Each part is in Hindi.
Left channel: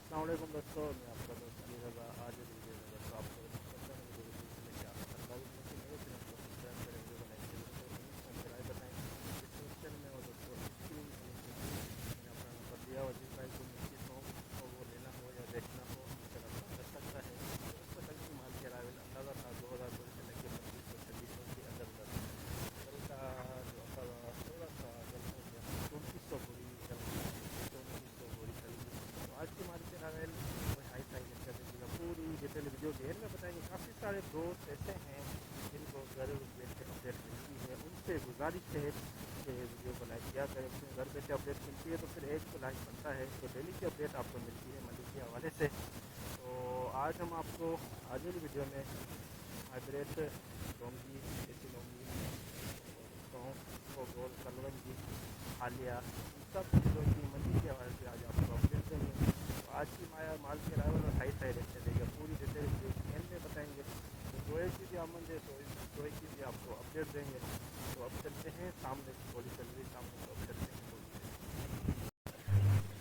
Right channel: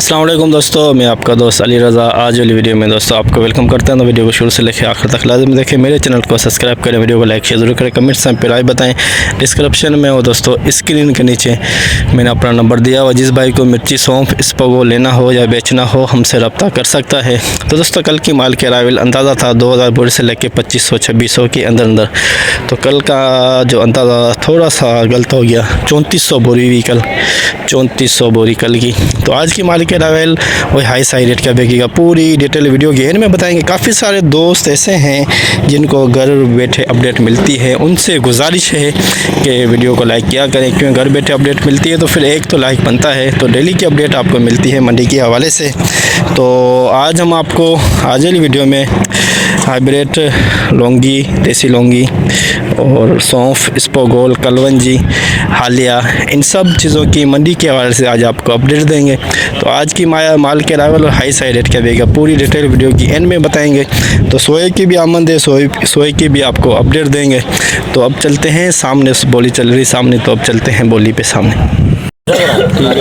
अस्सलाम वालेकुम दोस्तों, मैं आपका दोस्त अली रज़ा। आज वाली वीडियो में दोस्तों आपको वेलकम करते हैं। तो वीडियो को शुरू से लेकर आखिर तक लाजमी देखें। मेरे चैनल को सब्सक्राइब करें, वीडियो को लाइक शेयर जरूर करें, कमेंट्स में राय बताएं। डिस्क्रिप्शन में वो दोस्तों स्क्रीन के नीचे मैंने अपना नंबर दिया हुआ, जिस भाई को मिर्ची सौंफ इसको लेना हो या बेचना हो हमसे रब्ता कर सकता है। तो दोस्तों कल की माल के अराइवल अंदाज़ा था 2000 बोरी से लेकर 2500-2600 के अंदर। तो कल का जो अंदाज़ा थोड़ा सा गलत हो गया, 3400 बोरी हुई कल, 3400 बोरी कल की। तो आज की माल के अराइवल वही हाई साई रेट का बिकेगा। पूरी डिटेल वीडियो गेन में बताएंगे। काफ़ी सारे दोस्त ऐसे हैं जिनको घर बैठे अपडेट मिलती है, उनसे गुजारिश है कि वीडियो को लाइक किया करें, क्योंकि घर बैठे अपडेट मिलती है तो फिर एक तो लाइक बनता है। तो डेली की अपडेट आपको मिलती है मंडी के हवाले से। तो आज हम आपको आज वाली वीडियो में हाइब्रिड लौंगी, देसी लौंगी और सौंफ, स्पोगोल, कलवंजी, हालिया, इन सब चीज़ों की मंडी के हवाले से आज आपको अपडेट देंगे। तो आज की माल के अराइवल और हाई साई रेट क्या देगा, पूरी डिटेल वीडियो की एंड में बताएंगे। तो सोए की भी आमद है, सोए की भी आपको अपडेट देंगे। तो अब चलते हैं सामने, बोली चल रही सामने, तो अब चलते हैं बोली पे सामने। ठीक है,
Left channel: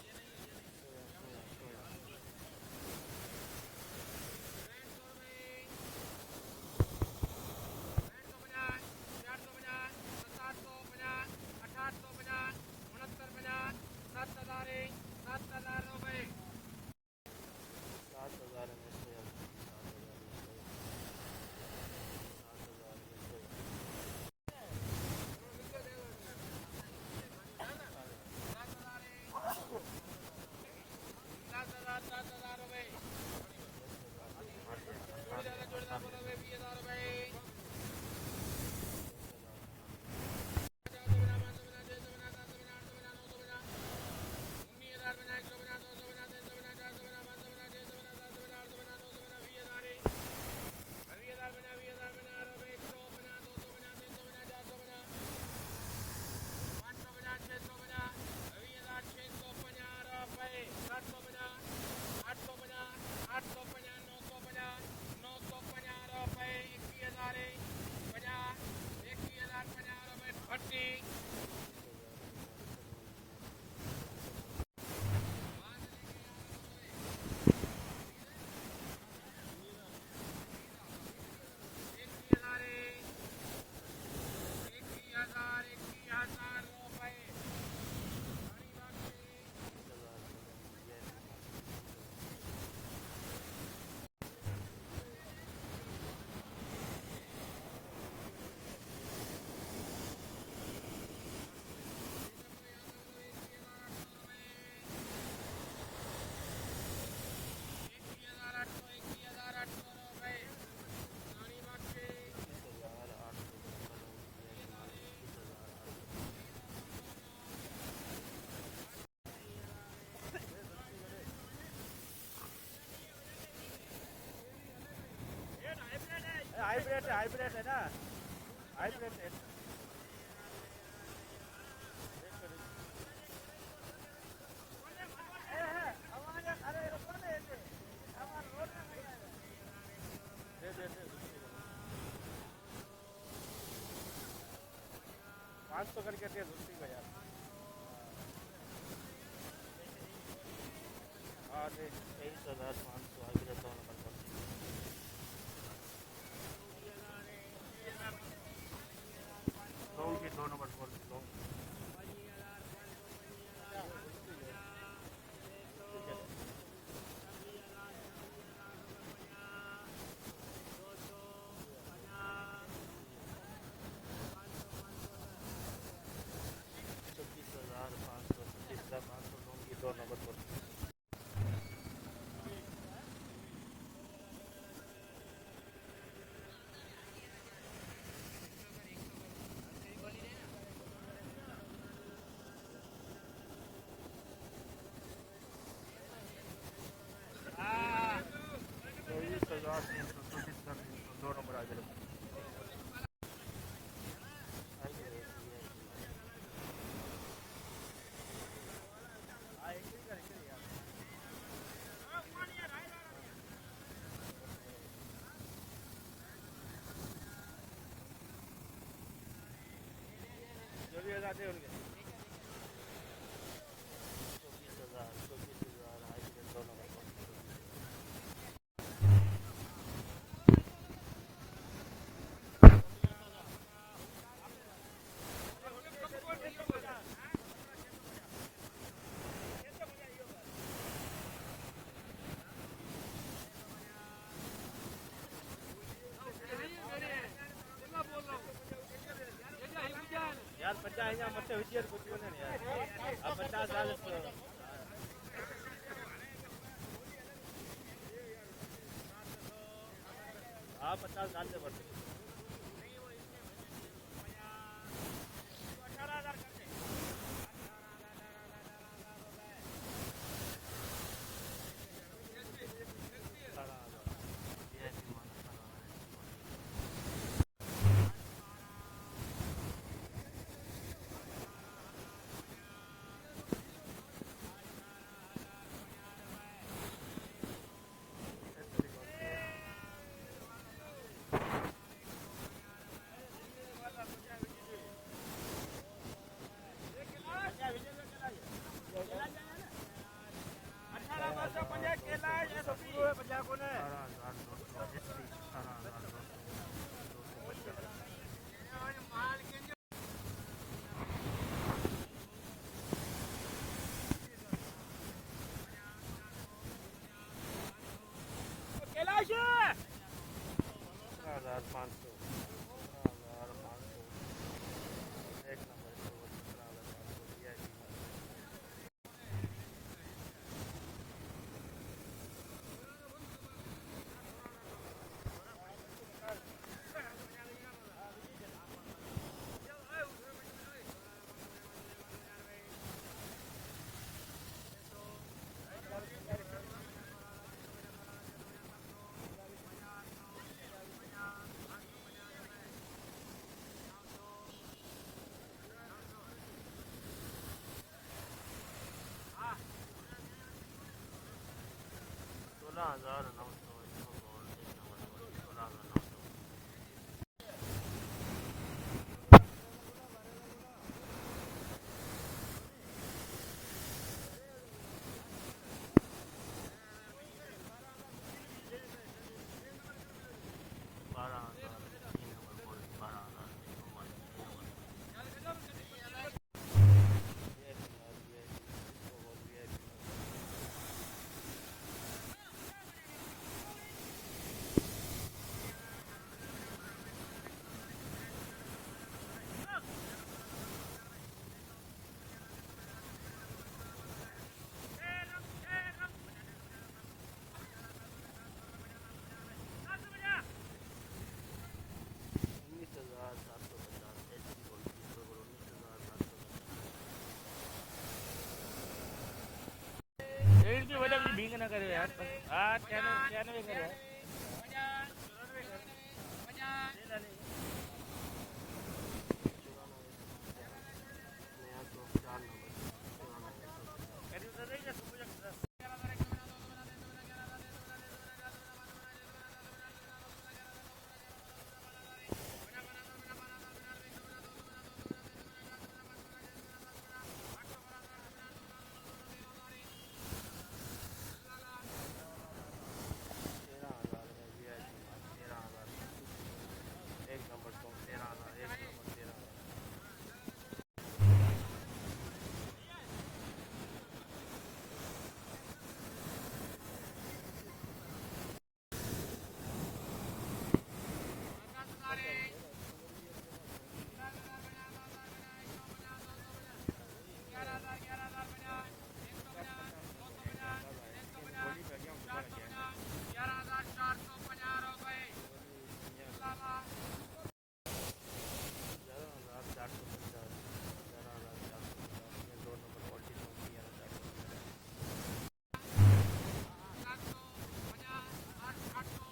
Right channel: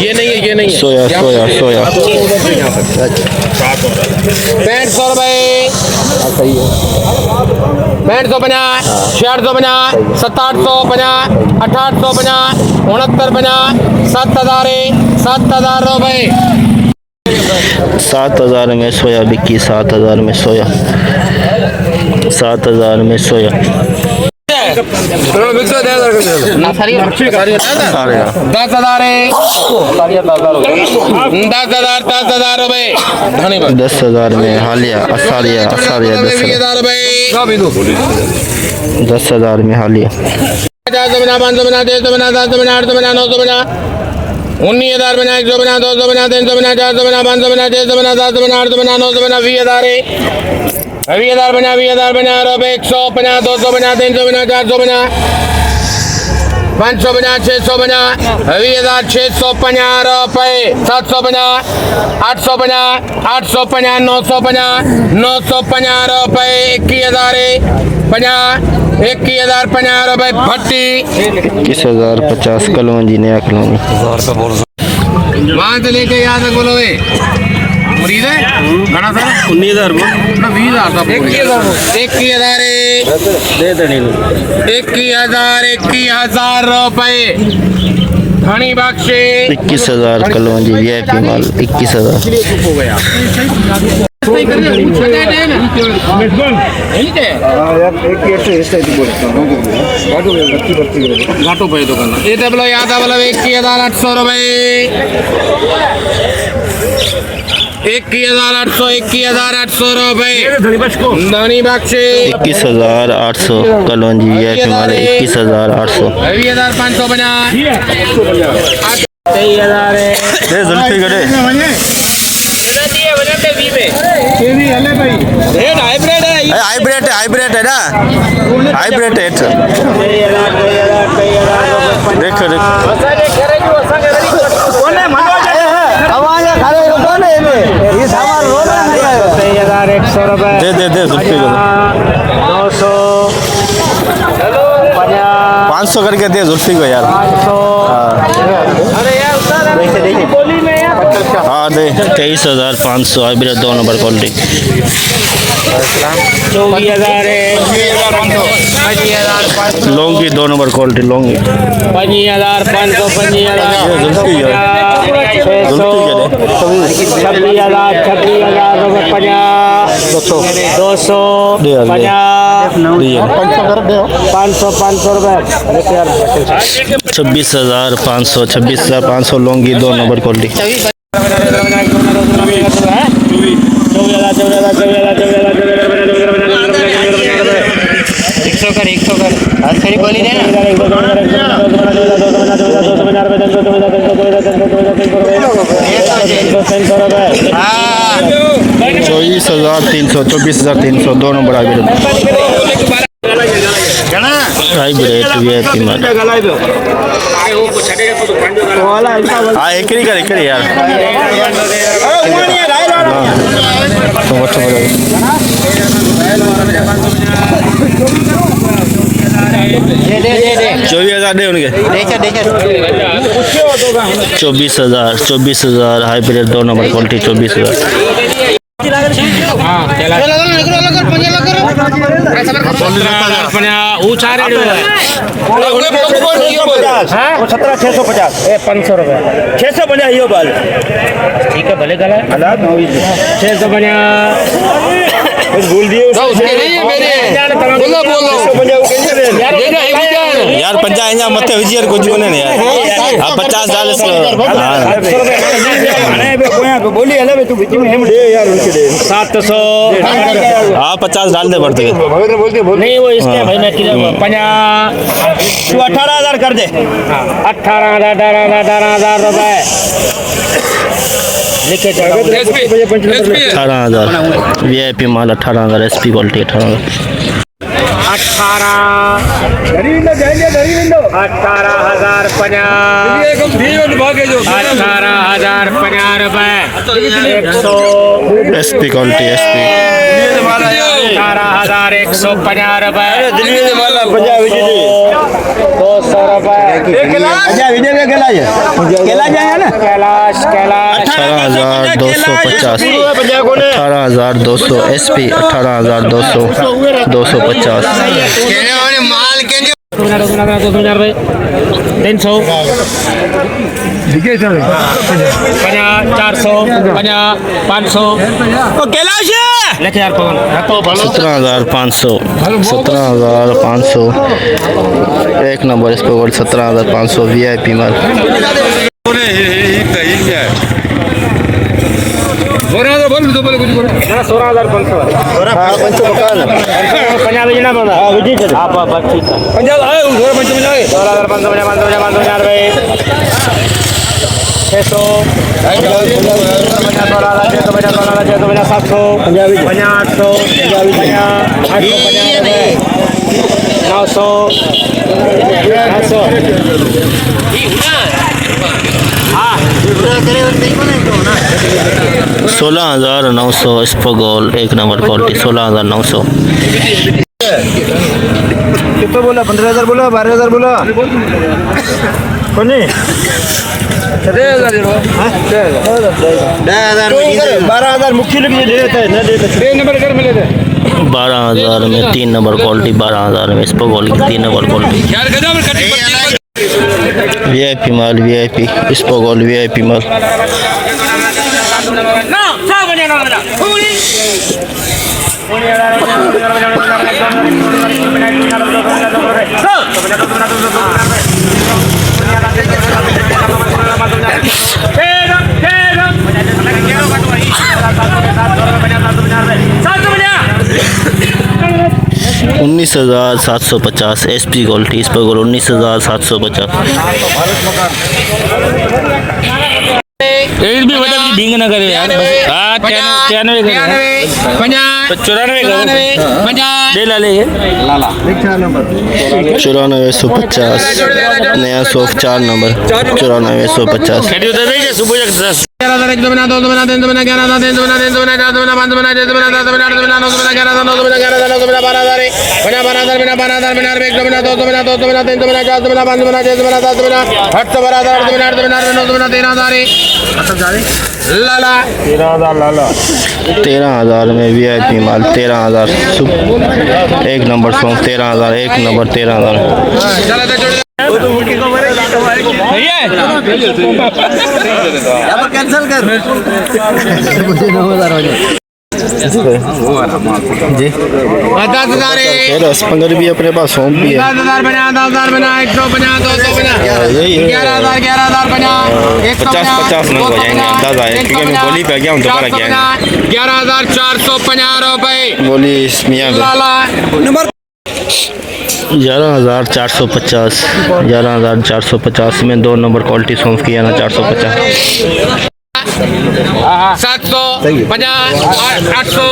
ये नहीं है, ये नहीं है। सोया 6500 रुपये, 6550, 6650, 6750, 6850, 6950, 7000 रुपये। 7000 में सोया बिकी, 7000 में सोया, 7000 में सोया। 10,000 रुपये। 10,000 में हालिया, असारिया 10,000 में हालिया। 500 500 600 700 800 900 19,000 बना, 100 बना, 200 बना, 300 बना, 400 बना, 500 बना, 600 बना, 700 बना, 800 बना, 900 बना, 20,000 20,000 बना, 20,000 बना रुपये। 100 बना, 200 बना, 300 बना, 400 बना, 500 बना, 600 बना, 20,650 रुपये। 700 बना, 800 बना, 850, 900 बना, 950 रुपये। 21,050 रुपये भट्टी। 21,050 कलवंजी, नया कलवंजी। वहाँ से लेके यहाँ तक बोलो वे मुरीद है घना सर 19,000 20,000 सब 21,000 21,000 रुपये धनी बख्शे। 21,000 कलवंजी वीआईपी माल 21,000। घाटो पे तो करना ये बोलो याद 21,800 रुपये। 21,800 रुपये धनी बख्शे। 21,800 कलवंजी वीआईपी माल 21,800। 20,500 बना, 23,000 जुल्फी गड़े हाइब्रिड है ना, हाइब्रिड है। देखो दे जुल्फी 500 करके दे जुल्फी को यार। हाँ दे 23,500 hybrid 2 number quality. 24,000 Laungi 2 number quality Laungi. 25,500 Zulfi 26,000 रुपये 200 500 रुपये। 26,500 लौंगी 2 नंबर क्वालिटी। 100 कर खड़ी बोली दे 24,300 24,300 2 नंबर हाइब्रिड वीआईपी माल। हाँ एकरी कर यार तो 24,000 दे उनके 24,000 हाइब्रिड 2 नंबर क्वालिटी 24,000 ऊंचा रेट 17,650 500 रुपये 650 यो बाल ठीक है भले गला 650 भूल दिए यार 50 मत विजय कुछ ने यार आप 50 डाल बोली हले तू बीच में हम दे यार उनके दे 700 हाँ 50 डाल दे बढ़ते नहीं वो इसमें भाई मैं किलो 50 तू 18,000 कर दे 18,000 रुपए लिखे चलो 18,000 VIP माल 18,000 SP क्वालिटी 18,000 18,050 रुपए SP क्वालिटी SP 18,150 रुपए 200 रुपए विजय में केला जाए ना कैलाश 18,250 18,200 SP 18,200 250 300 50 400 50 500 कैलाश लेके यार पवन 17,500 17,500 एक नंबर इस पर 17,500 VIP माल 16,900 स्पोगोल एक नंबर क्वालिटी 16,900 कितना बोला 15,000 बोला 12,000 बोला कौन 12,000 मुख्य लोग ये देता है ना देता 12,000 में 3 नंबर क्वालिटी 12,000 में स्पोगोल की 3 नंबर क्वालिटी VIP माल VIP स्पोगोल VIP माल $19,750 SP क्वालिटी इस पर 19,750 एक भी बता भिंग ना करे यार 93 करे 94 दे ला ले 94,150 नया सोफ 4 नंबर 94,150 शेड्यूल दे दे सुबह 11,000 1 बना 2 बना 3 बना 11,000 3 बना 4 बना 5 बना 6 बना 7 बना 8 बना 9 बना 11,000 9 बना 11,000 9 बना 12,000 बना 12,000 बना 12,000 बना 1 बना 2 बना 2 बना 3 बना 4 बना 5 बना 6 बना 7 बना 8 बना 8 बना 8 बना 9 बना 13,000 लाला 13,000 में VIP माल 13,000 एक नंबर सॉन्ग 13,000 एक नंबर 13,000 कैंसिल कर मुझे 9,000 हो जाए जी 10,000 रसपंगर भी अपने पास सौंप भी है 10,000 बना 10,000 बना 150 200 बना 11,000 बना 50 नंग हो जाएंगे अंदाजा है क्योंकि मैं बोली पे गया हूँ दोबारा गया 11,450 रुपए बोली मियाँ नंबर 11,450 11,450 में 2 नंबर क्वालिटी सौंप किया ना 450 750 800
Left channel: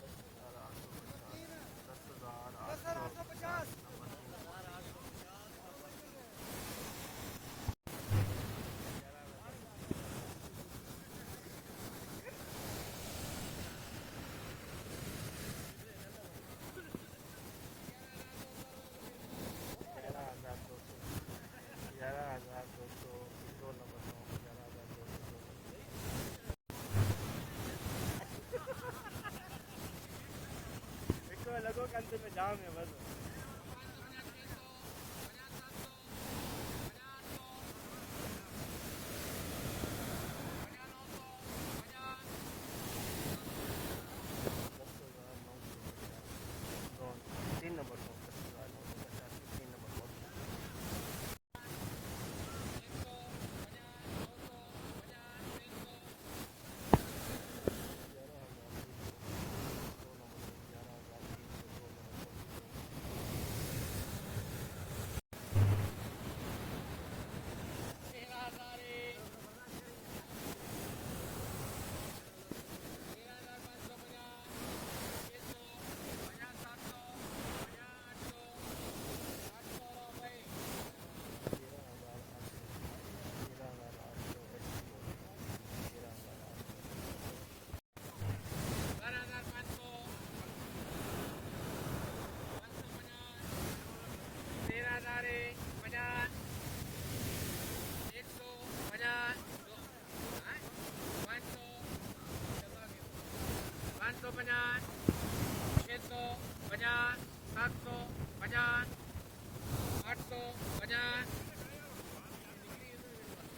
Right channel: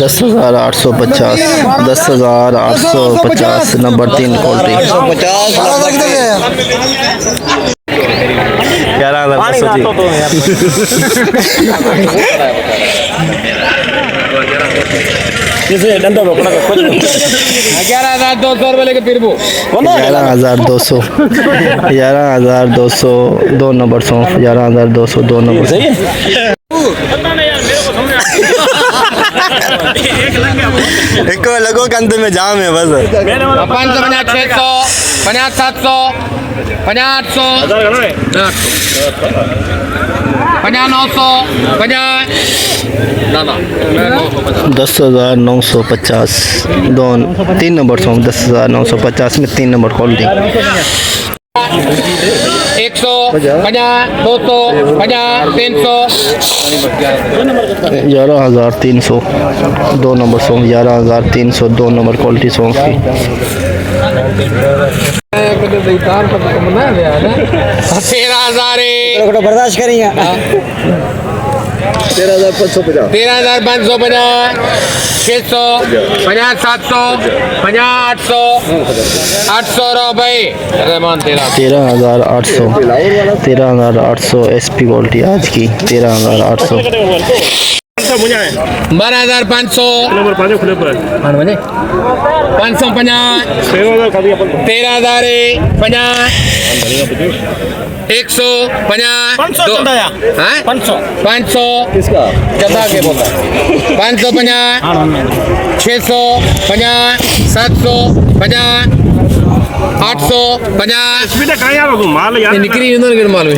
10,850 10,850 नंबर 3 क्वालिटी 11,500 11,200 रुपये लेके फिर वो 11,200 11,200 2 नंबर सौंफ 11,200 2 नंबर एक लगो के अंत में जाम है बस 550 600 50 700 50 800 50 900 50 10,950 दो 3 नंबर सौंफ 10,950 में 3 नंबर क्वालिटी 100 50 200 50 300 11,300 2 नंबर सौंफ 11,300 2 नंबर क्वालिटी सौंफ की 13,000 बर्दाश्त करेंगे 13,550 13,550 600 50 700 50 800 800 रुपये रहमान 13,800 SP क्वालिटी आज की 13,800 12,500 550 13,000 100 50 500 चंदा के बोलता 550 600 50 700 50 800 50 निकरी उन्होंने मालूम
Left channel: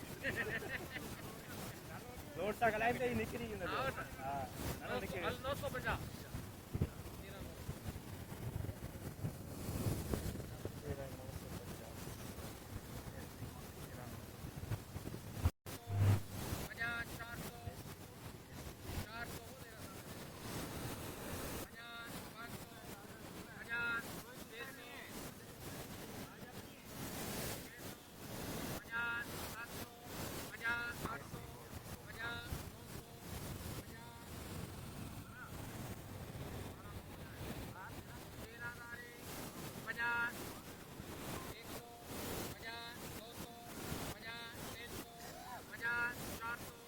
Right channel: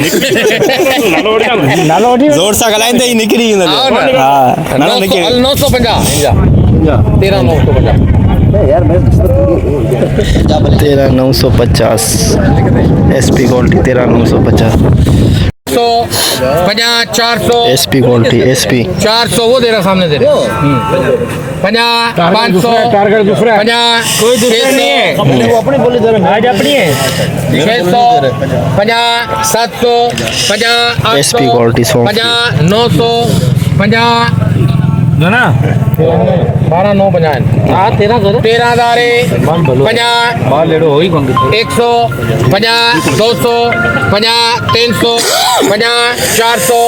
जोर सा गलाइंदे ही निकली हां 950 13,950 13,950 SP quality 13,950 50 400 SP quality SP 400 वो दे रहा सामने दे रहा 50 500 टारगेट दूसरा 50 कोई दूसरा नहीं है वो अपनी बोली दे रहा आज अपनी है 600 50 700 50 SP क्वालिटी 50 900 50 जो ना 12,950 हाँ 13,000 50 100 50 200 50 300 50 400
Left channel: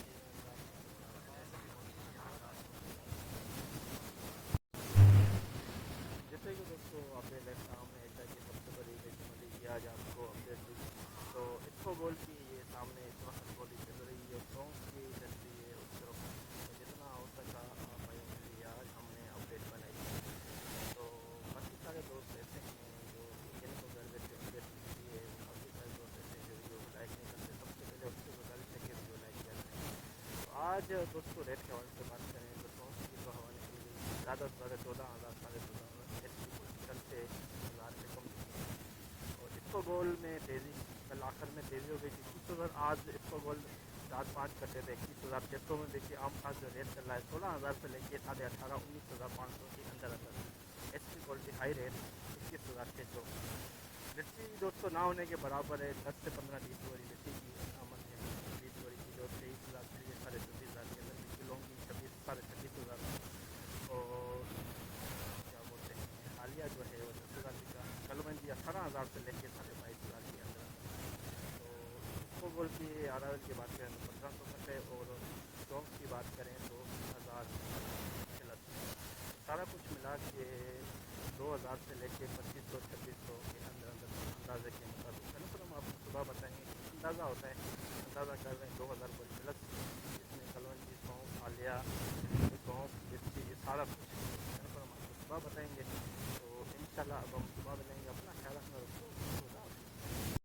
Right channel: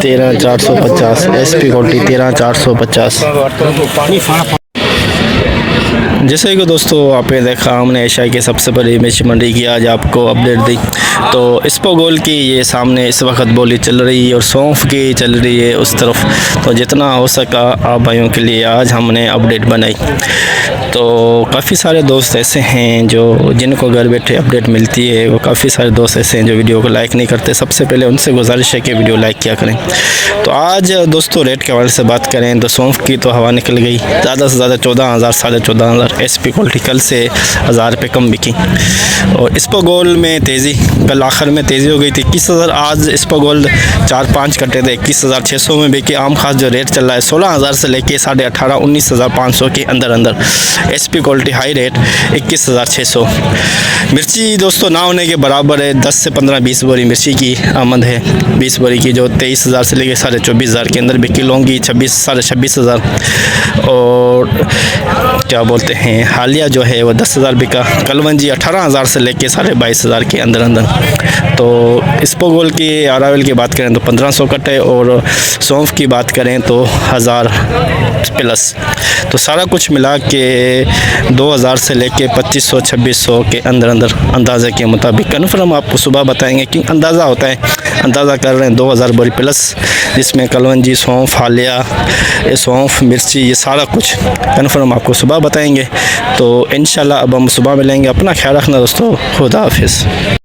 13,450 SP क्वालिटी 13,450 जैसे कि दोस्तों आपने देखा हमने एशिया की सबसे बड़ी मिर्च मंडी की आज आपको अपडेट दी। तो इस्पोगोल की ये सामने इस वक्त बोली चल रही है और सौंफ की चल रही है उस तरफ। तो जितना हो सका आप भाइयों के लिए आज हमने अपडेट बनाई। तो काफ़ी सारे दोस्त ऐसे हैं जो जिनको घर बैठे अपडेट मिलती है, वो काफ़ी सारे दोस्त ऐसे हैं जो वीडियो को लाइक नहीं करते। सबसे पहले उनसे गुजारिश है कि वीडियो लाइक किया करें। तो आज दोस्तों रेट के हवाले से बात करें तो सौंफ की तो हवा निकल गई, ज़्यादा से ज़्यादा 14,000 14,500 SP क्वालिटी कल से 1,000 रुपये कम बिकी। और इस्पोगोल में तेज़ी, कल आखिर में तेज़ी हो गई थी 21,000, आज इस्पोगोल 4-5 कटे थे 21,600 में बिके। आम खास जो रेट चल रहा है 16,000 से लेके 18,500 19,500 के अंदर अंदर। SP quality high rate 21,600। मिर्ची दोस्तों ना होने के बराबर है, 10 से 15-20 बोरी मिर्ची की आमद है। 20 बोरी की जो 23,000 से लेके 24,500 के अंदर बिकी। लौंगी 26,000 और क्या बोलते हैं हालिया जो है वो 10,000 बिका। कलवंजी 18,000 से लेके 22,500 के अंदर अंदर। तो इस्पोगोल की अरावल की बात करें तो 1,500 कटे और सौंफ की बात करें तो 1,000 प्लस। तो सारा कुछ मिला के 2,000 से लेके 2,500-2,600 के अंदर अंदर अंदाज़े के मुताबिक। कन्फर्म आपको सुबह बताएंगे कि अंदाज़ा होता है, अंदाज़ा कर रहे हैं 2,000 बोरी प्लस, जिसमें कलवंजी सौंफ हालिया सौंफ मिर्ची ये सारा कुछ कन्फर्म आपको सुबह बताएंगे। तो इंशाल्लाह अब हम सुबह मिलेंगे। अपना ख्याल रखना दोस्तों, खुदा हाफिज़।